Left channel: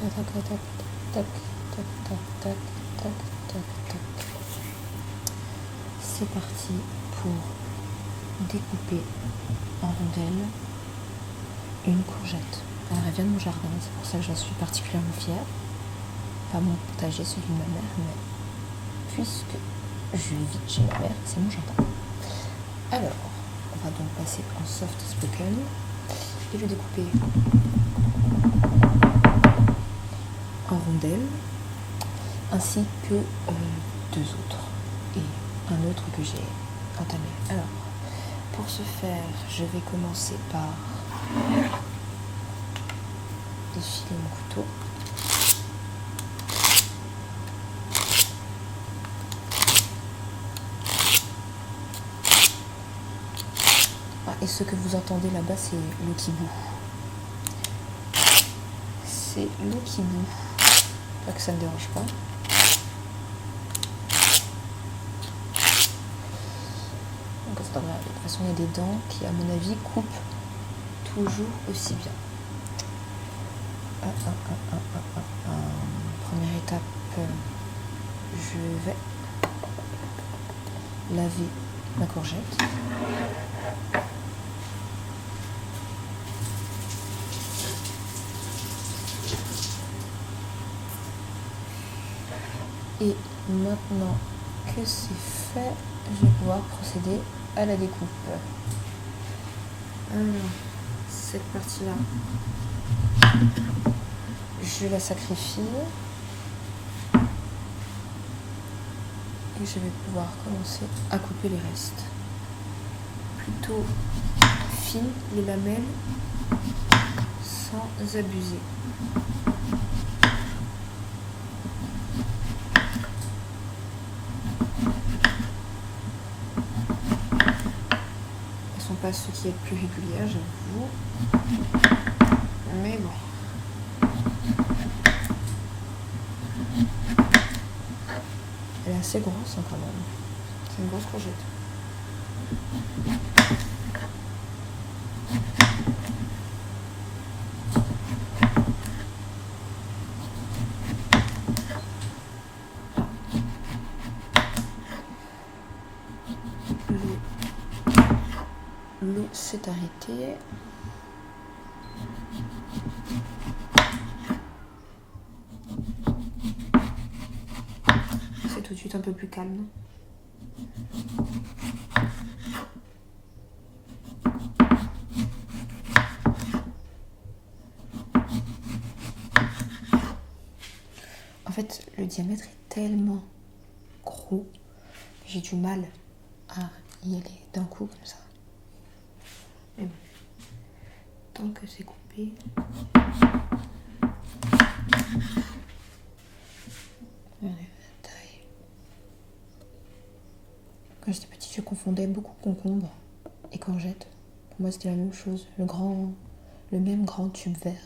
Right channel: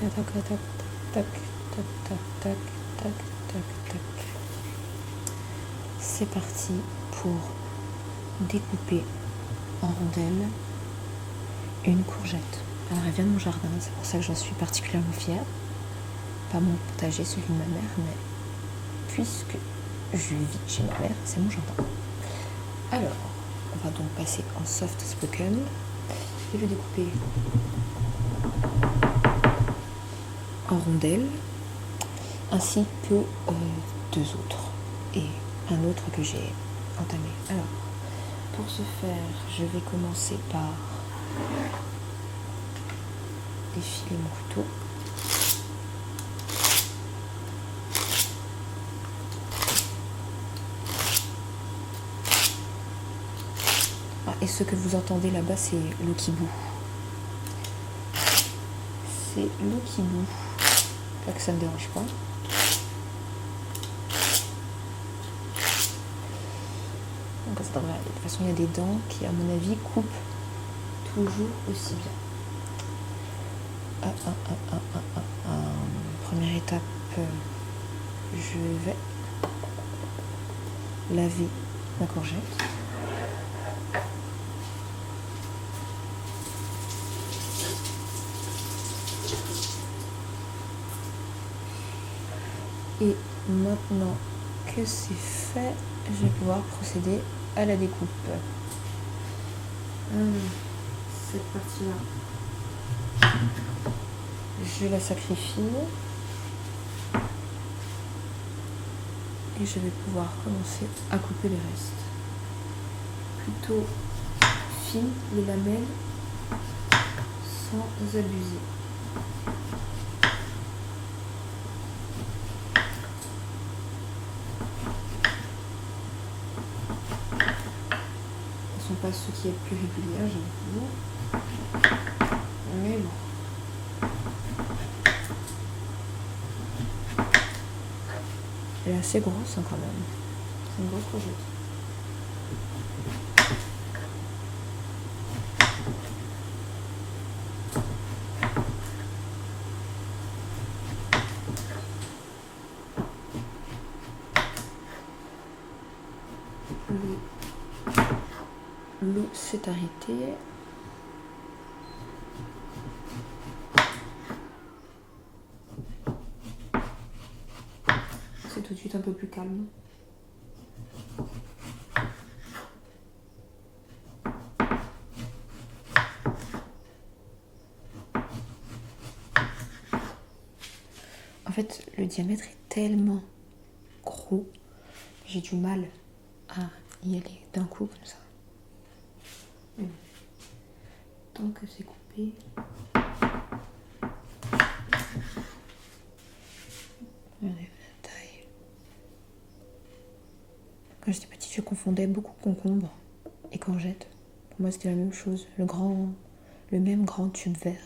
tac, tac, tac, tac, tac, tac, tac, tac, tac, tac. C'est parti pour découper en rondelles une courgette. Alors elle vient de mon jardin, c'est pour ça que j'en suis particulièrement fière. Pas mon potager, celui de ma mère, mais puisque je vis chez ma mère, c'est mon jardin. Alors, on va donc passer en soft spoken et je vais découper en rondelles ainsi que deux autres et un autre que j'ai entamé. Alors, pour ce faire, je vais commencer par défiler mon couteau. Et ce que vous entendez là-bas, c'est le kibou. C'est le kibou. Pas que ça ne me dérange pas. Donc ça devrait aller. De toute façon, il y a des dents qui, à mon avis, coupent toujours aussi bien. Première étape, je vais laver ma courgette. Et maintenant que c'est fait, je vais pouvoir procéder à la découpe. Alors, cette partie-là, je la sacrifie. Et je vais pouvoir commencer à couper les restes. Plutôt fines les lamelles, sans abuser. Ce ne sont pas ceux qui est plus réguliers, j'avoue. Mais bon. Elle est assez grosse hein, quand même. C'est une grosse courgette. L'eau s'est arrêtée. C'est tout de suite un peu plus calme. En fait, le diamètre est tellement gros que j'ai du mal à y aller d'un coup comme ça. Mais bon, tant que c'est coupé, regardez la taille. Quand j'étais petite, je confondais beaucoup concombre et courgette. Pour moi, c'était la même chose, le même grand tube vert.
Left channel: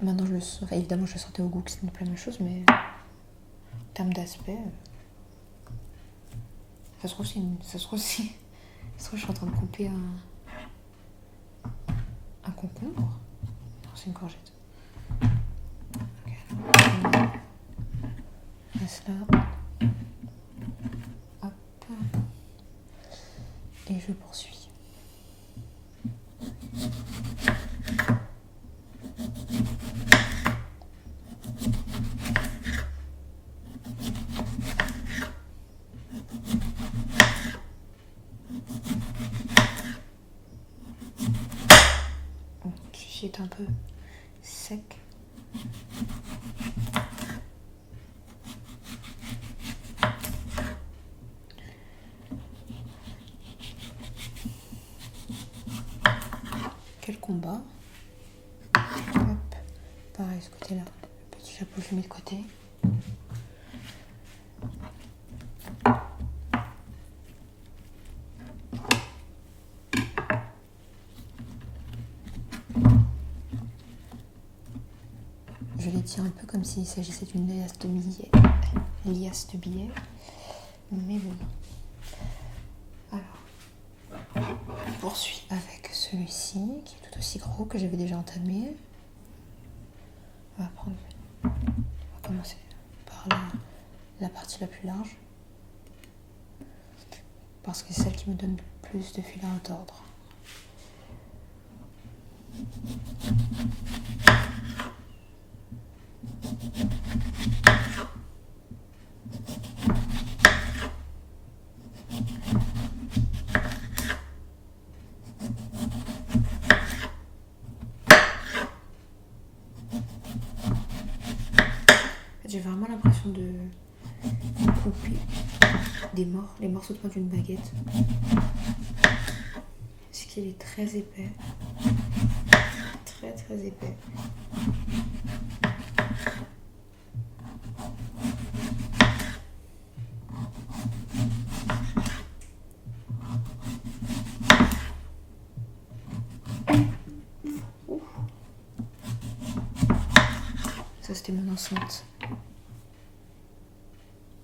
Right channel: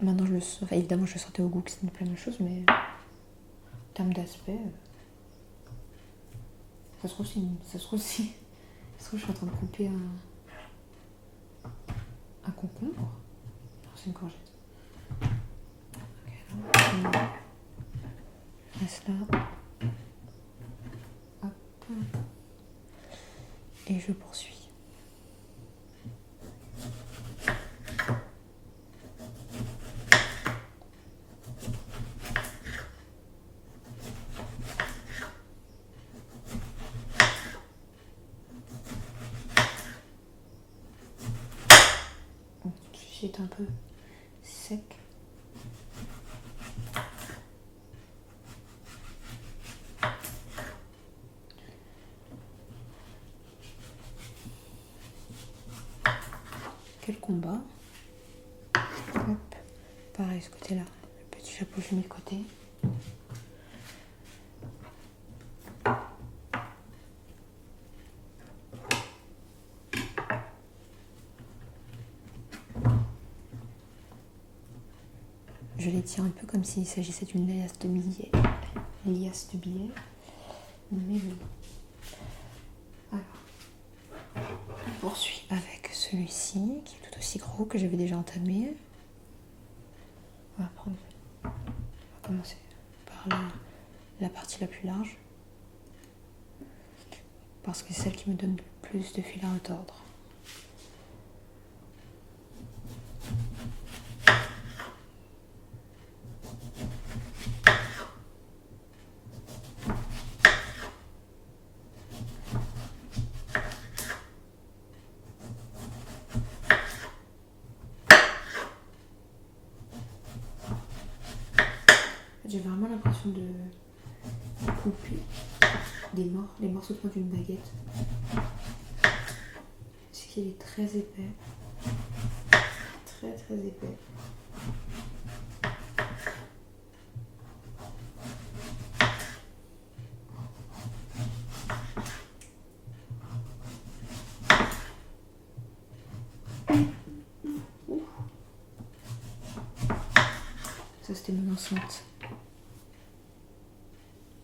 Maintenant, je le sens. Enfin, évidemment, je le sentais au goût que c'était pas la même chose, mais en termes d'aspect, ça se trouve, je suis en train de couper un concombre. Non, c'est une courgette. Ok, alors, on laisse là. Hop. Et je poursuis. Celui-ci est un peu sec. Quel combat. Hop. Pareil, ce côté-là. Le petit chapeau, je l'ai mis de côté. Je les tiens un peu comme s'il s'agissait d'une liasse de billets. Mais bon. Alors, je poursuis avec celui-ci, qui est tout aussi gros, que j'avais déjà entamé. On va commencer par la partie la plus large. Parce que c'est celle qui me donne le plus de fil à retordre. J'ai vraiment l'impression de couper des morceaux de pain d'une baguette. Parce qu'il est très épais. Très très épais. Ça c'était mon enceinte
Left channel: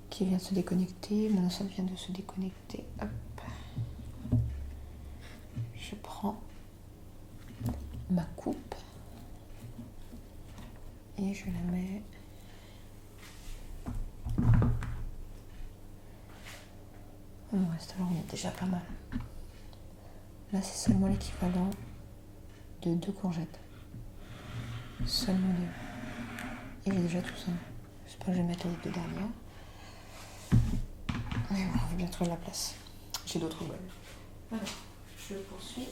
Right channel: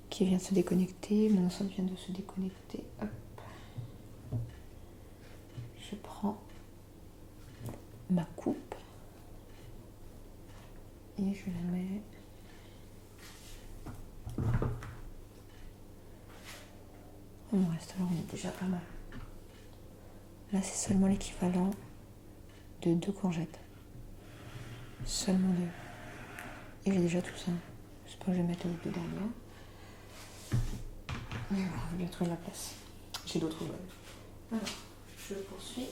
qui vient de se déconnecter. Mon enceinte vient de se déconnecter. Hop. Je prends ma coupe et je la mets on reste alors, on est déjà pas mal. Là c'est seulement l'équivalent de 2 courgettes. Seulement 2. Et j'ai déjà tout ça. J'espère que je vais mettre les 2 dernières. Et voilà, on va bien trouver la place. J'ai d'autres bols. Alors, je poursuis.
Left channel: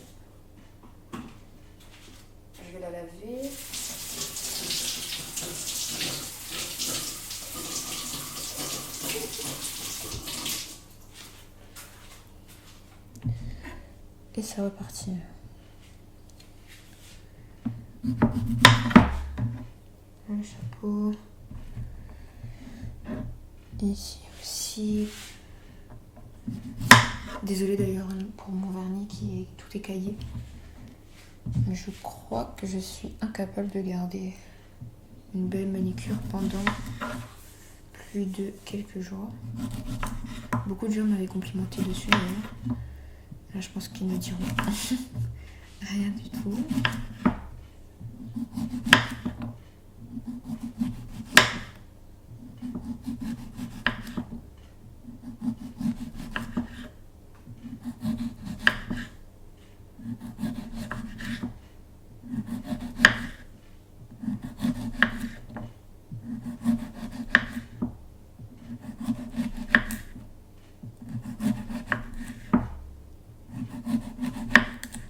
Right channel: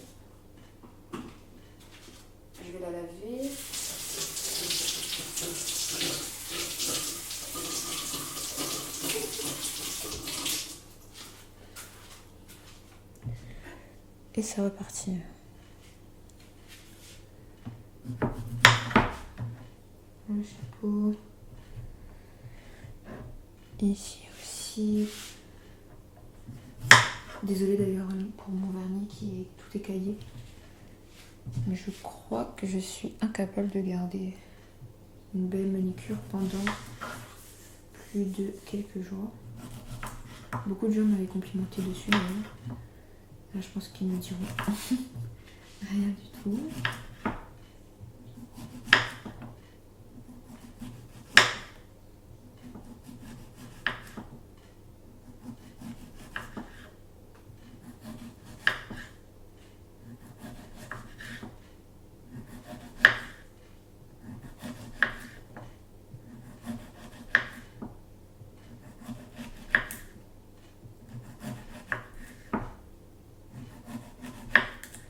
Je vais la laver. Et ça repartit. Le chapeau. Ici aussi. Désolée d'ailleurs pour mon vernis qui est tout écaillé. Mais je crois que je suis incapable de garder une belle manicure pendant plus de quelques jours. Beaucoup de gens m'avaient complimenté dessus d'ailleurs. Là je pense qu'ils ne diront rien du tout.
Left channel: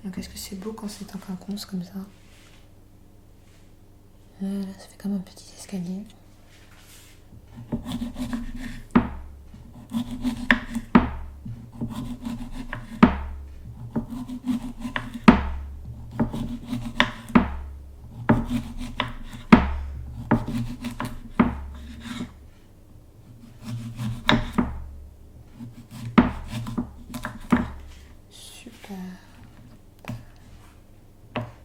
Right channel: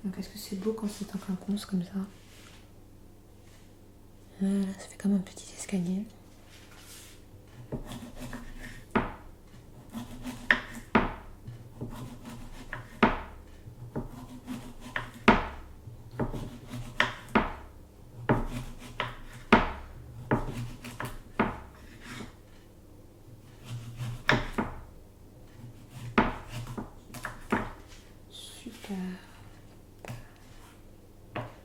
Donc est-ce que c'est beau quand c'est en quinconce comme ça? Là, ça fait comme un petit escalier. Super.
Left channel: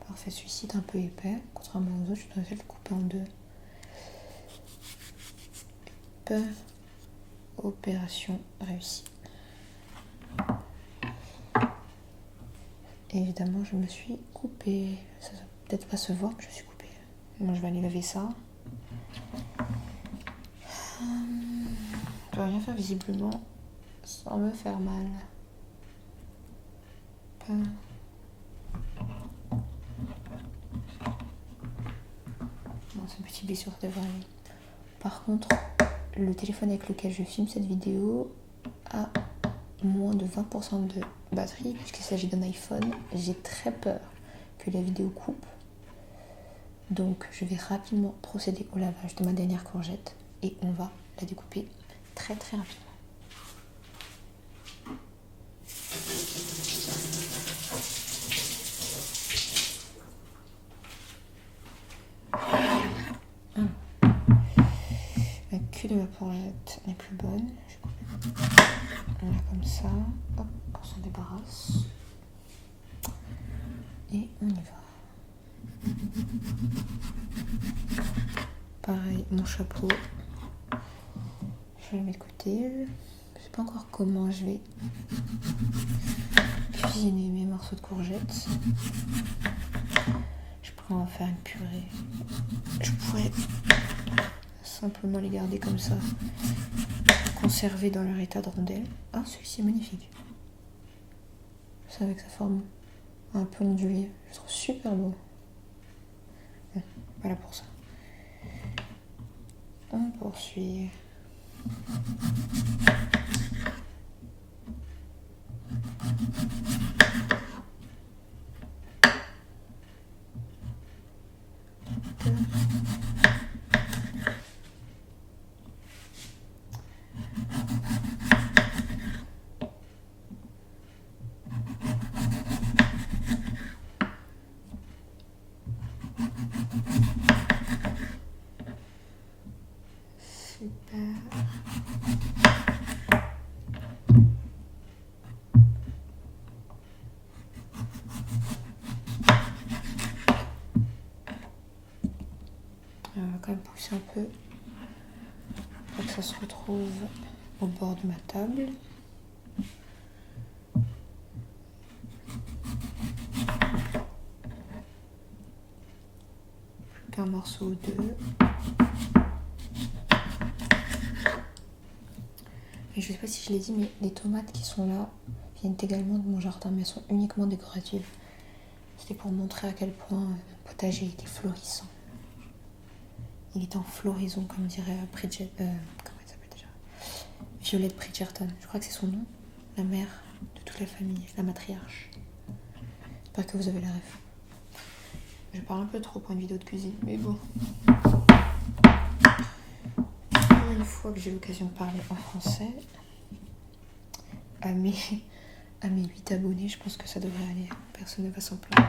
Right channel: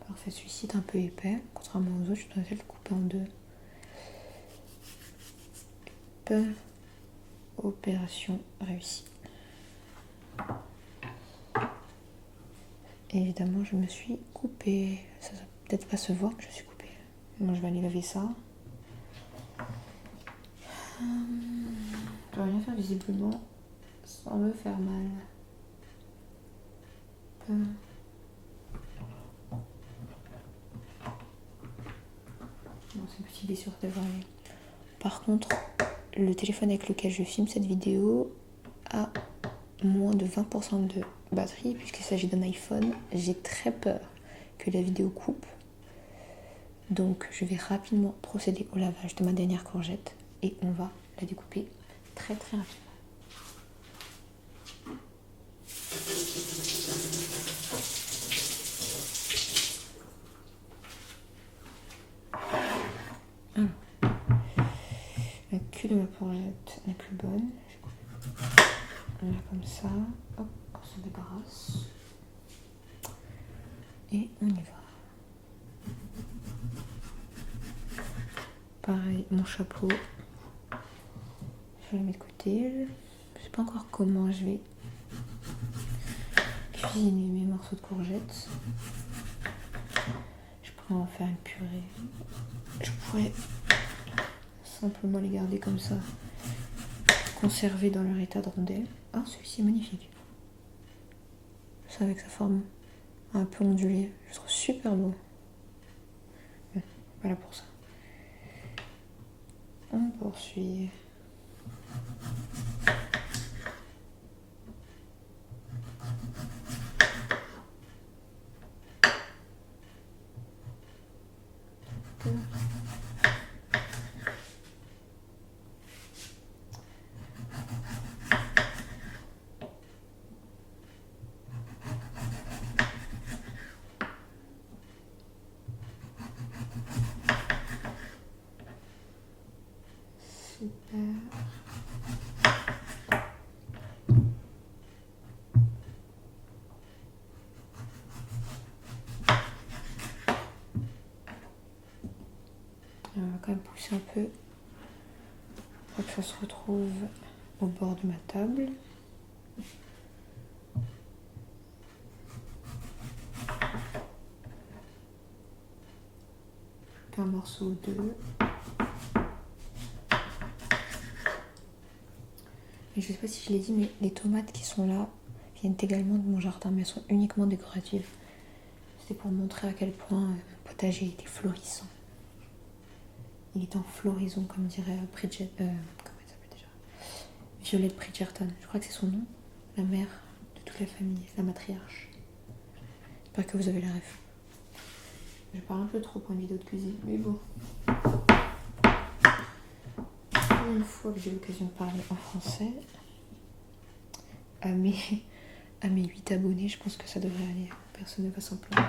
Parfait, celui-ci est un peu épais. Contrairement aux autres, je devrais le couper en 2. Opération réussie. Et évidemment, je me suis coupée. Ça va peut-être pas se voir, mais je suis coupée. Moi, je vais aller laver ça. Je dois rien faire visiblement sans me faire mal. Bon, ce petit blessure devrait aller. Par contre, le téléphone avec lequel je filme cette vidéo a moins de 20% de batterie puisqu'il s'agit d'un iPhone. J'ai très peur que la vidéo coupe. Donc je vais rapidement procéder au lavage de ma dernière courgette et on va la découper très très rapidement. Alors, la queue de ma courgette n'est plus bonne. Je vais couper là comme ça. Hop, on s'en débarrasse. Et on y va. Pareil, mon chapeau. Je vais le mettre de côté. Je sais pas encore comment je vais cuisiner mes morceaux de courgettes. Je Après, on va faire une purée. Je pourrais simplement les garder comme ça, conservés dans leur état de rondelle. Ah, celui-ci est magnifique. C'est avec sa forme un peu ondulée. Je trouve super beau. Bon, voilà pour ça. On poursuit. Super. On va quand même pousser un peu pour que ça se retrouve au bord de ma table. Un morceau ou deux. Et je sais pas si je l'ai dit, mais les tomates qui sont là viennent également de mon jardin, mais elles sont uniquement décoratives. C'était pour montrer à quel point mon potager était florissant. Il est en floraison, comme dirait Bridget. Comment elle s'appelle déjà? Violette Bridgerton. Je crois que c'est son nom. La mère de toute la famille, la matriarche. J'espère que vous avez la ref. Je parle un peu trop pour une vidéo de cuisine, mais bon. Une fois que j'ai l'occasion de parler en français, à mes 8 abonnés, je pense que ça devrait aller. Personne ne va s'en plaindre.